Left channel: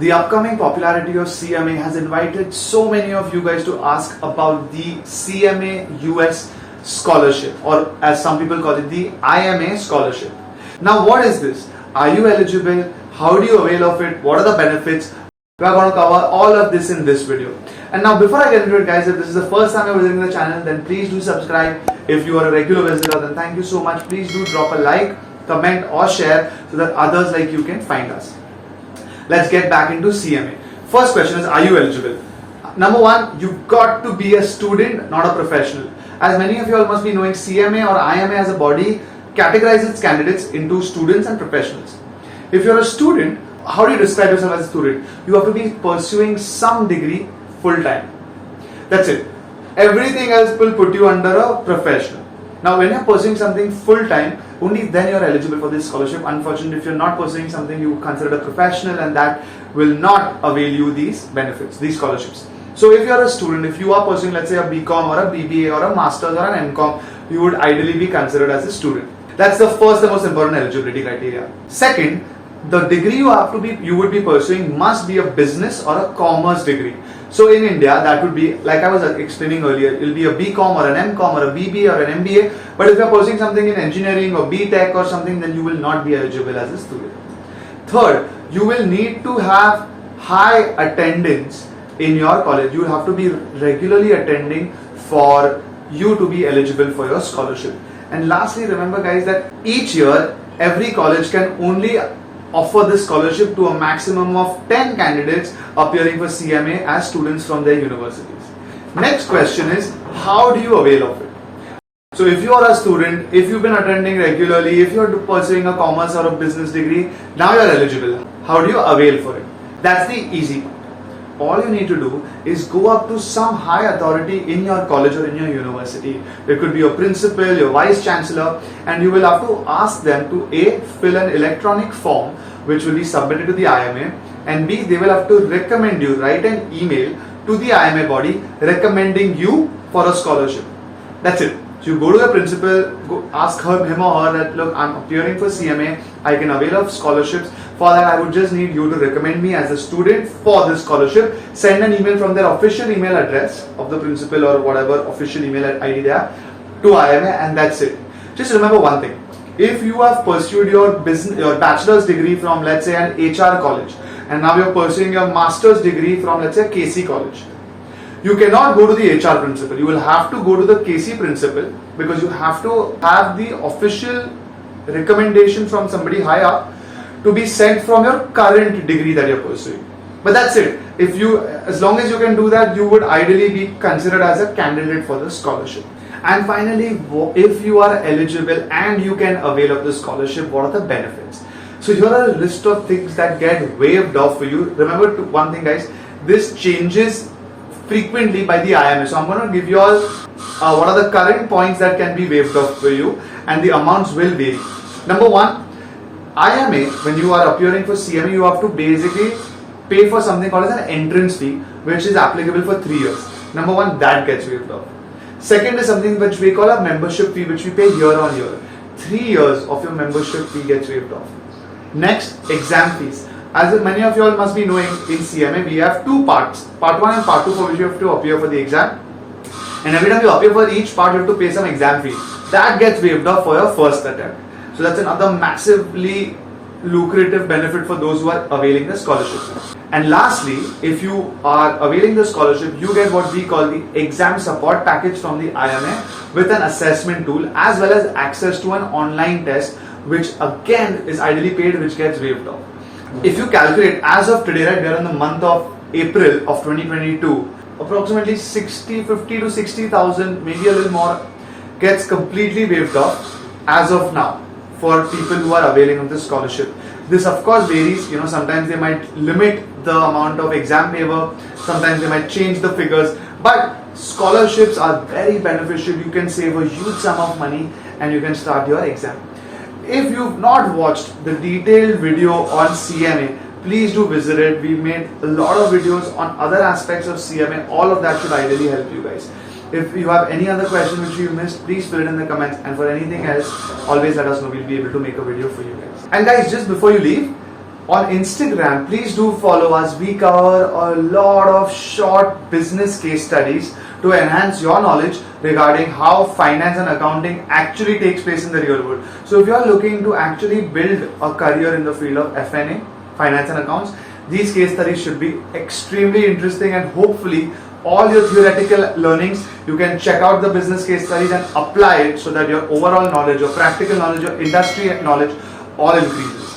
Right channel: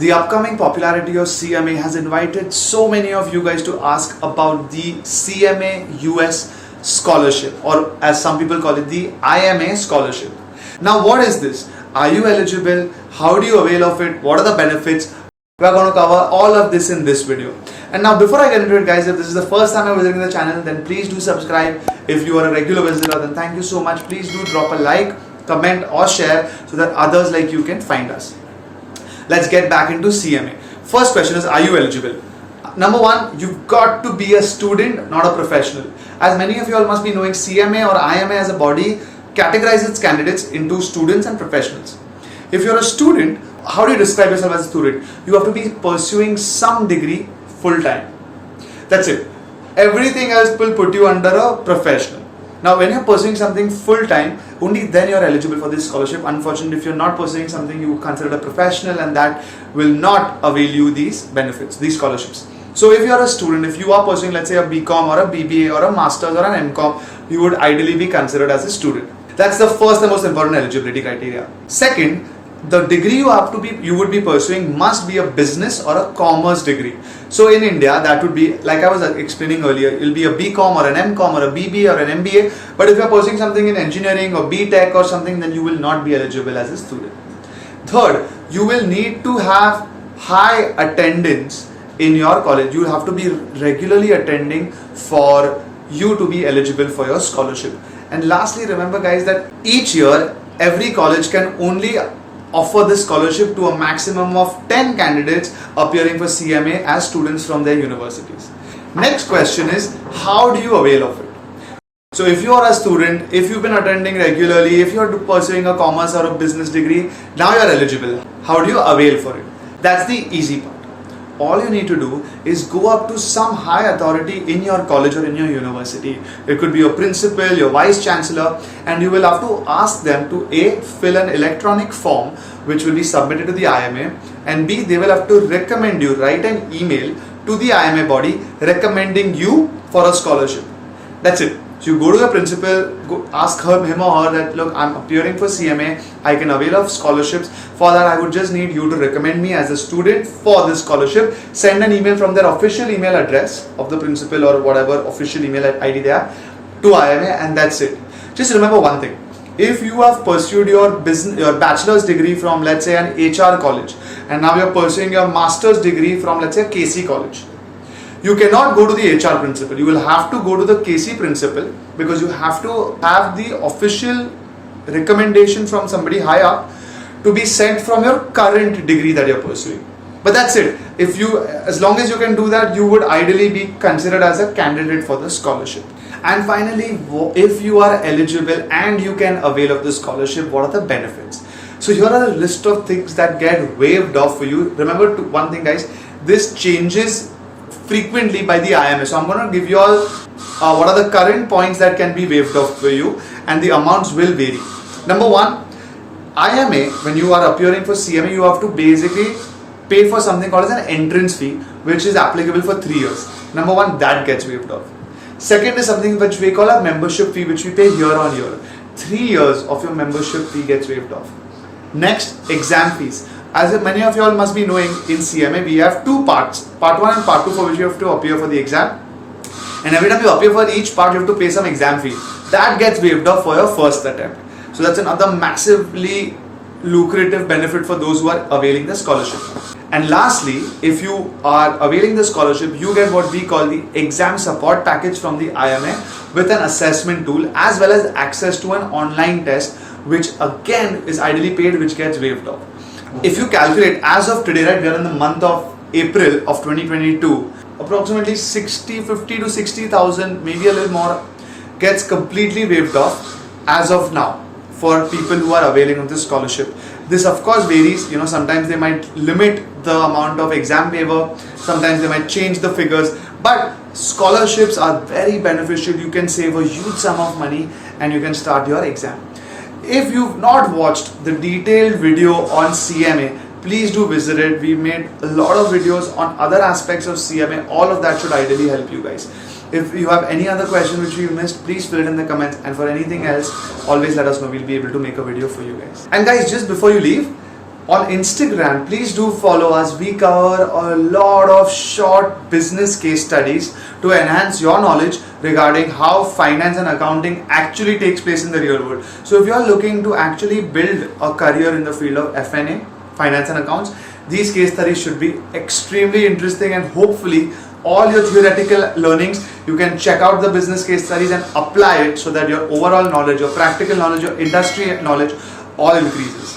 The upcoming popularity of CMA has invited so many of you guys to ask about the CMA US scholarship, or as some people call it, the IMA scholarship. Now, what is this? Are you eligible? How do you avail of it? What are the benefits? We are going to cover all of this in this video. And now, before I get into it, guys, if this is the first time you're visiting the channel, then please do subscribe. If you are a regular visitor, then thank you so much. Please do drop a like, comment or share so that others like you can find us. Let's get back into CMA. First question is, are you eligible? Number one, you've got to be a student, not a professional. As many of you all must be knowing, CMA or IMA as a body categorizes its candidates into students and professionals. If you're a student, how do you describe yourself as a student? You have to be pursuing some degree full time. That's it. Everything else will put you under a professional. Now, when you're pursuing something full time, only then you're eligible for this scholarship. Unfortunately, if you're not pursuing something, you consider a professional, and that will not avail you these benefits, these scholarships. So if you're a student, if you are pursuing, let's say, a BCom or a BBA or a Masters or an MCom, you would ideally be considered as a student. That's the first and most important eligibility criteria. Second, the degree you would be pursuing must be a business or a commerce degree. So in India, that would be, like I was explaining earlier, it will be a BCom or an MCom or a BBA or an MBA. But if you're pursuing something in engineering or BTech or something, then you will not be eligible as a student. Third, you will need to have high attendance in your college. You will have to be regularly attending for you to be eligible for your scholarship. And lastly, remember guys, that each year, every college can only offer this scholarship to a maximum of 10 candidates appearing for CMA as students from their universities. Next question is, how do you avail of it? So if you are a student, if you've been attending regularly, if you're pursuing a commerce or a business degree, now you're eligible. How do you avail for it? That's the easy part. All you need to do is go up to some high authority in your college or in your university. It could be your principal, your vice chancellor, and you will have to ask them to A, fill an electronic form which will be submitted to the IMA, and B, they will have to recommend you, write an email to the IMA body recommending you for a scholarship. That's it. So you go to the principal, go ask him or her that, look, I'm appearing for CMA, I can avail of scholarships. For that, I would just need you to recommend me as a student for this scholarship. Send an email from their official email address of the principal or whatever official email ID they have to IMA, and that's it. Just remember one thing. If you have pursued your bachelor's degree from, let's say, an HR college, and now you're pursuing your master's degree from, let's say, KC college, you cannot go to the HR principal. You will have to go to the KC principal, because you have to have the official recommendation from somebody high up to be sent from your current degree that you're pursuing. But that's it. As long as you can do that, you would ideally be considered as a candidate for the scholarship. And finally, if you are eligible and you can avail of the scholarship, what are the benefits? So here are a list of things that get waived off for you. Remember one thing, guys, this changes frequently by the IMA. So I'm going to give you all what are the current points that can be waived off for you, and the amounts will vary. Number one, IMA, when you are appearing for CMA, you have to basically pay for something called as an entrance fee, which is applicable for 3 years. Number one, that gets waived off. Second is something which we call a membership fee, which we pay year on year. 3 years of your membership fee gets waived off. Next, exam fees. As many of you all must be knowing, in CMA we have two parts, part 1 and part 2, for which you have to appear for the exam. And every time you appear for each part, you have to pay some exam fee. That gets waived off for your first attempt. So that's another massively lucrative benefit for those who are availing the scholarship. And lastly, if you are availing the scholarship, you get what we call the exam support package from the IMA with an assessment tool, as well as access to an online test, which again is ideally paid, which gets waived off. If you calculate, as of today, right, we are in the month of April of 2022, approximately 50 to 60,000, maybe a little more, gets completely waived off as of now for people who are availing of this scholarship. This of course varies, sometimes they might limit the amount of exam waiver, sometimes they might change the figures, but scholarships are very beneficial. You can save a huge sum of money and you can start your exam. If you've not watched the detailed video on CMA, please do visit it. We made a lot of videos on other aspects of CMA. All of that should ideally help you guys. If you have any other question which you missed, please fill it in the comments, and for anything else, always let us know. We'll be able to make a video for you guys. And guys, just before you leave, On Instagram, please do follow us. We cover a lot of short business case studies to enhance your knowledge regarding how finance and accounting actually takes place in the real world. So if you are looking to actually build a career in the field of F&A, finance and accounts, these case studies should be extremely interesting, and hopefully all your theoretical learnings, you can check out the business case studies and apply it so that your overall knowledge, your practical knowledge, your industry knowledge all increases.